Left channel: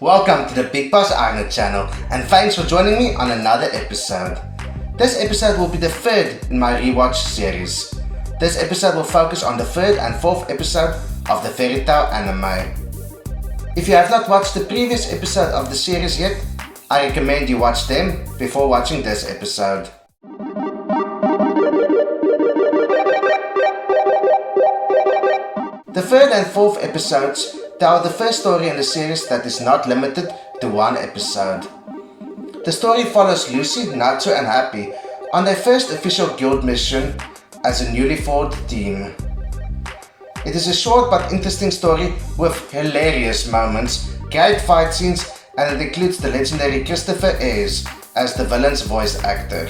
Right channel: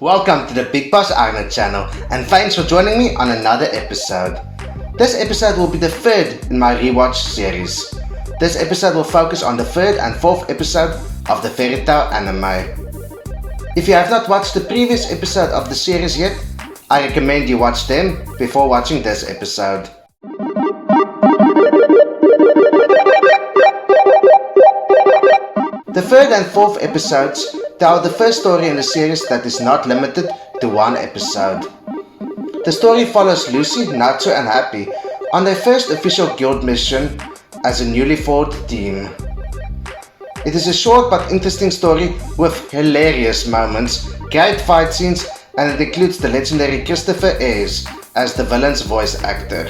Welcome to the Big Boss Arnold channel, and thanks for joining me on another episode. This episode will be the third in my rewatch series. This episode will focus on the third and fourth episode of the fairy tale anime. If you have not watched the previous episode of the series yet, I recommend you watch them before watching this episode. The third and fourth episodes tell the first story in the series that is not limited to one episode. The story follows Lucy, Natsu and Happy on their first official guild mission as a newly formed team. It is a short but interesting story with hilarious moments, great fight scenes, and it includes the legendary Christopher Ayres as the villain's voice actor.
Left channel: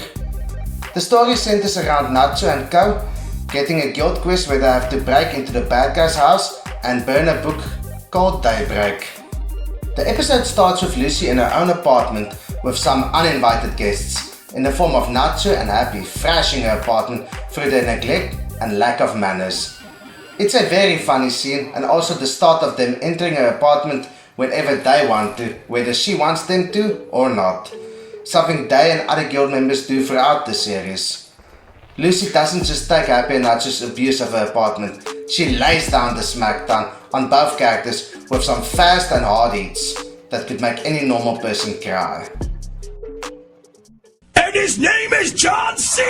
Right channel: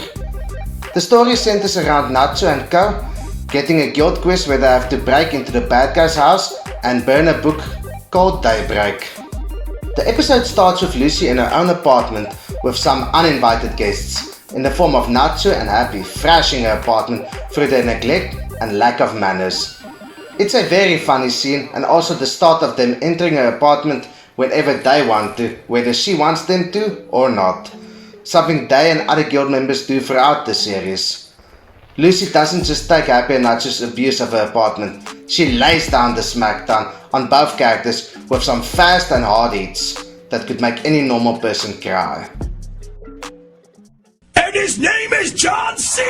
The story centers around Natsu and Co. getting a guild quest where they have to break into the bad guy's house and burn a book called Daybreak. The episode starts with Lucy in her own apartment with some uninvited guests in the form of Natsu and Happy thrashing her apartment through their neglect and lack of manners. It's a very funny scene and also the start of them entering her apartment whenever they want to, whether she wants them to or not. Something they and other guild members do throughout the series. Lucy doesn't just take Happy and Natsu's abuse of her apartment, she lays down the smackdown on both characters with some fast and hard hits that could make any normal person cry. And his name is John C.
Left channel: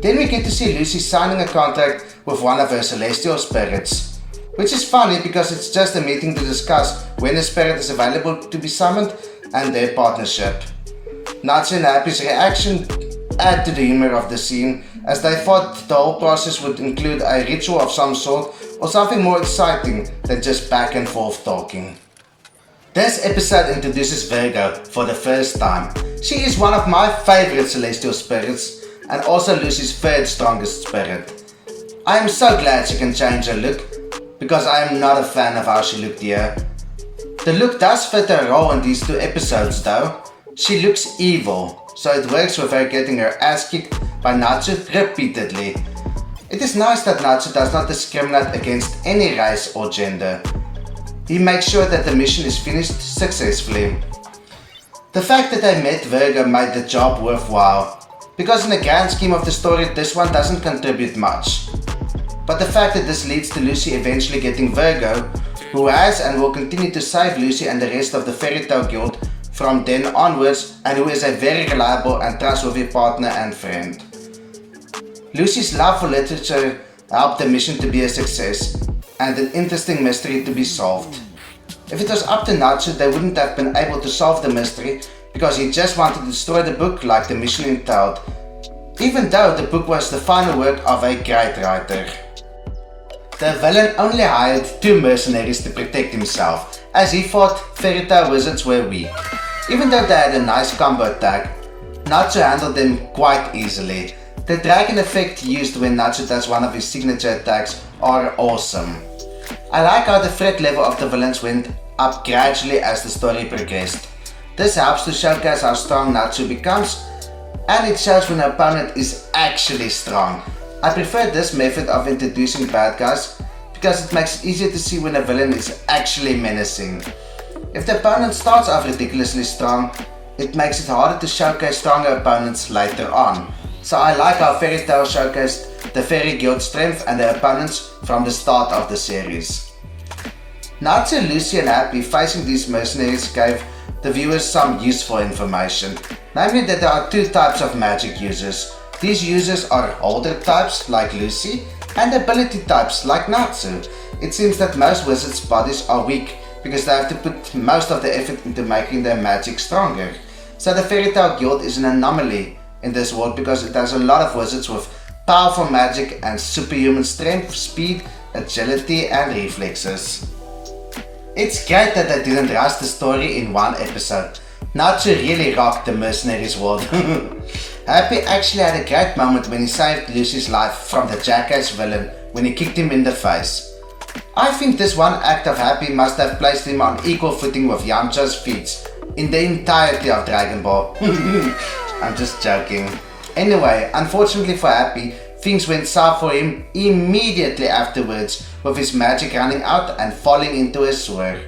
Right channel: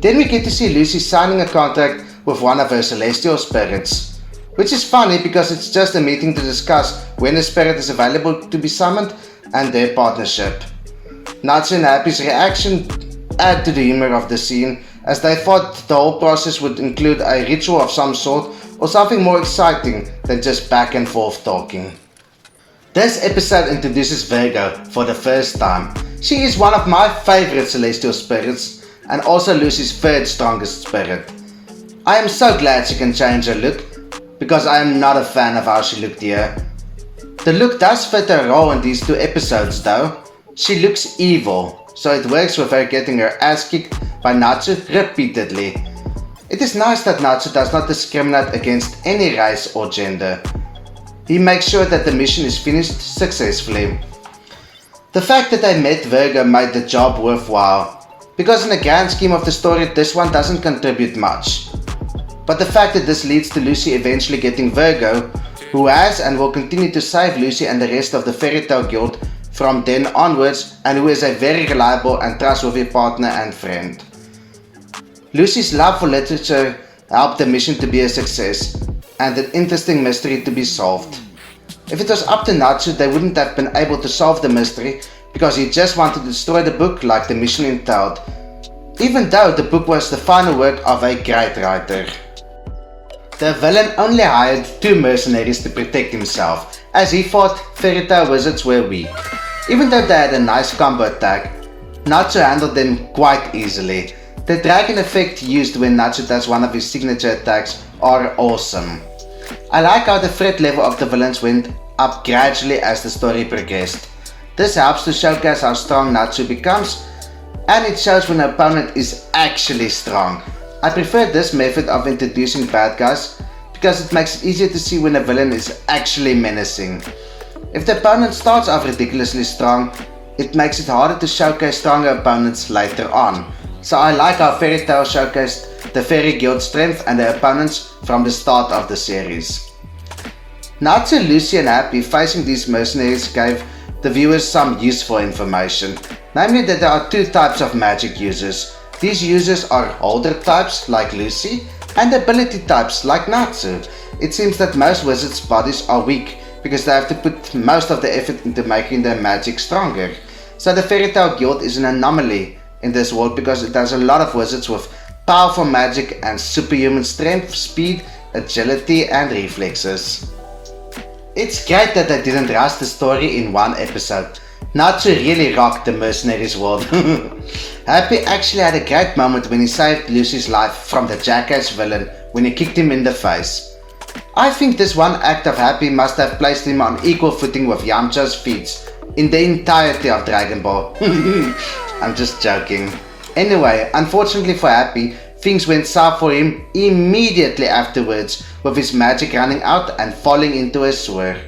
Then we get to see Lucy signing a contract with one of her celestial spirits, which is funny because it's just a meeting to discuss when a spirit is available to be summoned and their partnership. Natsu and Happy's reaction add to the humor of the scene, as they thought the whole process would include a ritual of some sort or something more exciting than just back and forth talking. This episode introduces Virgo for the first time. She is one of my favorite celestial spirits and also Lucy's third strongest spirit. I am so glad she can change her look because I am not a fan of how she looked here. The look does fit her role in these two episodes though. She looks evil, so it works with her getting her ass kicked by Natsu repeatedly. It is nice that Natsu does not discriminate against any race or gender. He makes sure that the mission is finished successfully. The fact that I met Virgo made the job worthwhile, because in the grand scheme of the story this one doesn't contribute much. But the fact that this leads to Lucy eventually getting Virgo, who has and will continue to save Lucy and the rest of the Fairy Tale Guild from then onwards, and who is a very reliable and trustworthy partner and friend. Lucy's love for literature helped the mission to be a success, and an interesting mystery to be solved. If it was up to Natsu, they wouldn't have been able to solve the mystery because he just wanted to destroy the book like the mission entailed, even though the book was the final work of a great writer. The villain only hired 2 mercenaries to protect himself, as he thought fairy tale wizards were weak. Even though they had a nice combo attack, Natsu handled them quite easily. The dragon effect used when Natsu does one of his signature attacks are awesome. I like how the threat level of the villains went up gradually as the story progressed. This helps to showcase how strong Natsu becomes, and it shows when an opponent is actually strong. I prefer this method of introducing bad guys because it makes it easier to see when a villain is actually menacing. If the opponent starts off ridiculously strong, it makes it harder to showcase stronger opponents later on. So I like how Fairy Tail showcased the Fairy Guild strength and their opponents from the start of the series. Natsu, Lucy and Happy facing these mercenaries gave the viewers some useful information, namely that there are 2 types of magic users. These users are older types like Lucy and ability types like Natsu. It seems that most wizards' bodies are weak because they have to put most of the effort into making their magic stronger. So the Fairy Tale Guild is an anomaly in this world because it has a lot of wizards with powerful magic and superhuman strength, speed, agility and reflexes. It's great that they didn't rush the story in one episode. Natsu really rocked the mercenaries world. Happy actually had a great moment when he saved Lucy's life from the jackass villain when he kicked him in the face. I think this one act of Happy must have placed him on equal footing with Yamcha's feats in the entirety of Dragon Ball. I'm just joking. Anyway, unfortunately for Happy, things went south for him immediately afterwards, with his magic running out and falling into a sewer.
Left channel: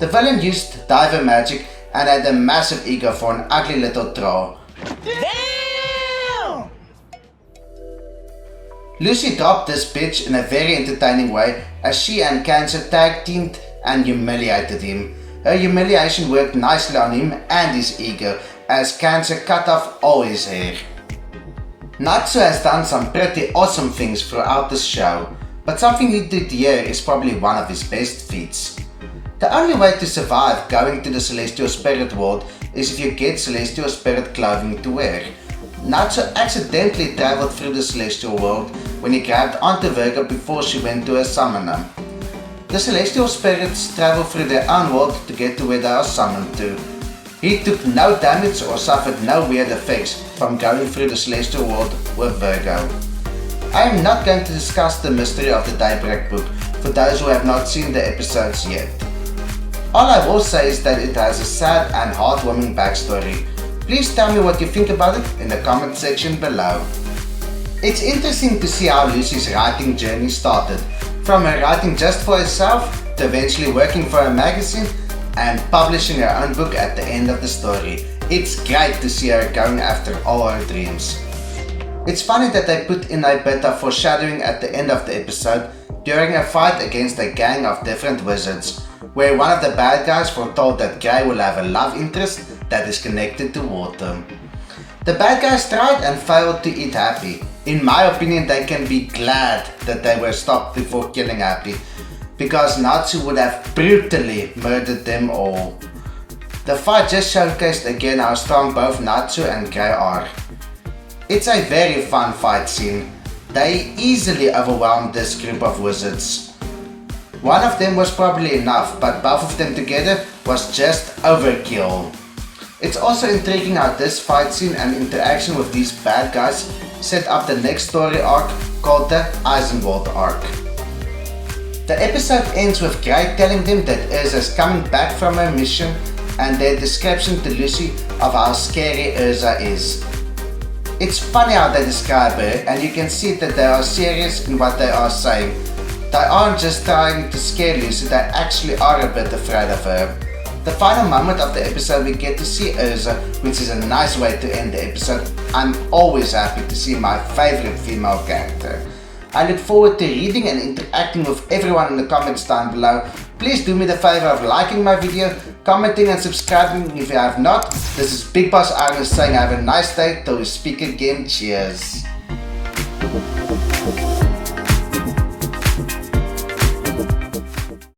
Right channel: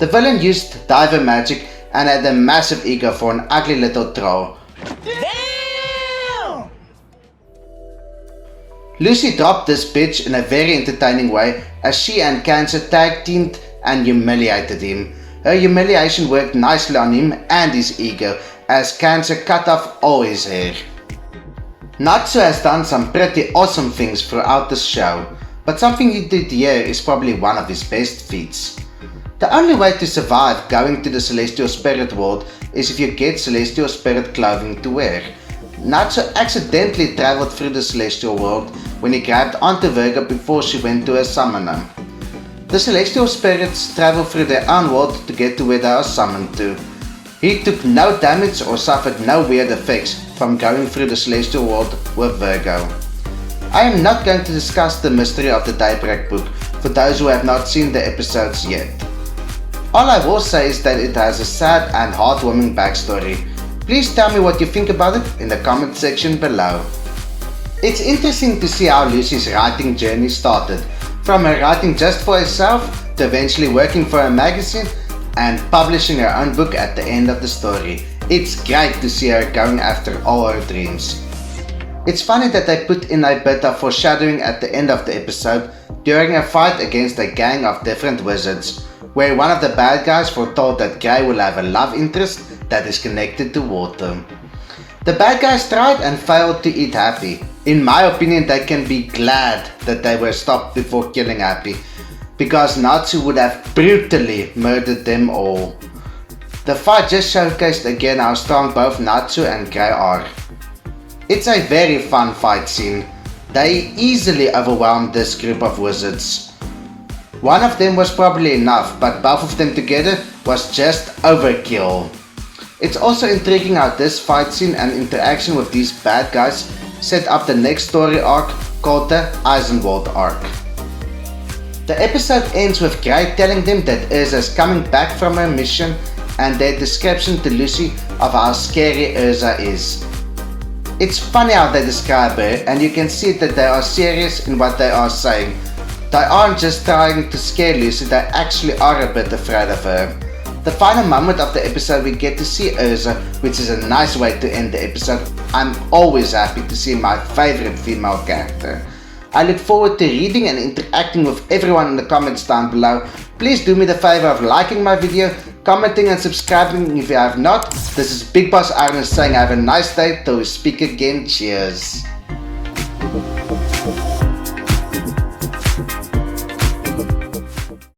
The villain used diver magic and had a massive ego for an ugly little troll. Damn! Lucy dropped this bitch in a very entertaining way as she and Cancer tag teamed and humiliated him. Her humiliation worked nicely on him and his ego as Cancer cut off all his hair. Natsu has done some pretty awesome things throughout this show, but something he did here is probably one of his best feats. The only way to survive going to the Celestial Spirit world is if you get Celestial Spirit clothing to wear. Natsu accidentally traveled through the Celestial world when he grabbed onto Virgo before she went to her summoner. The Celestial Spirits travel through their own world to get to where they are summoned to. He took no damage or suffered no weird effects from going through the Celestial world with Virgo. I am not going to discuss the mystery of the Daybreak book for those who have not seen the episodes yet. All I will say is that it has a sad and heartwarming backstory. Please tell me what you think about it in the comment section below. It's interesting to see how Lucy's writing journey started, from her writing just for herself to eventually working for a magazine and publishing her own book at the end of the story. It's great to see her going after all her dreams. It's funny that they put in a bit of foreshadowing at the end of the episode during a fight against a gang of different wizards, where one of the bad guys foretold that Grey will have a love interest that is connected to water. The bad guys tried and failed to eat Happy. In my opinion, they can be glad that they were stopped before killing Happy, because Natsu would have brutally murdered them all. The fight just showcased again how strong both Natsu and Grey are. It's a very fun fight scene. They easily overwhelmed this group of wizards. One of them was probably enough, but both of them together was just overkill. It's also intriguing how this fight scene and interaction with these bad guys set up the next story arc called the Eisenwald arc. The episode ends with Grey telling them that Urza is coming back from her mission and their description to Lucy of how scary Urza is. It's funny how they describe her, and you can see that they are serious in what they are saying. They aren't just trying to scare Lucy, they actually are a bit afraid of her. The final moment of the episode we get to see Urza, which is a nice way to end the episode. I'm always happy to see my favorite female character. I look forward to reading and interacting with everyone in the comments down below. Please do me the favor of liking my video, commenting and subscribing if you have not. This is Big Boss Armin saying have a nice day till we speak again. Cheers.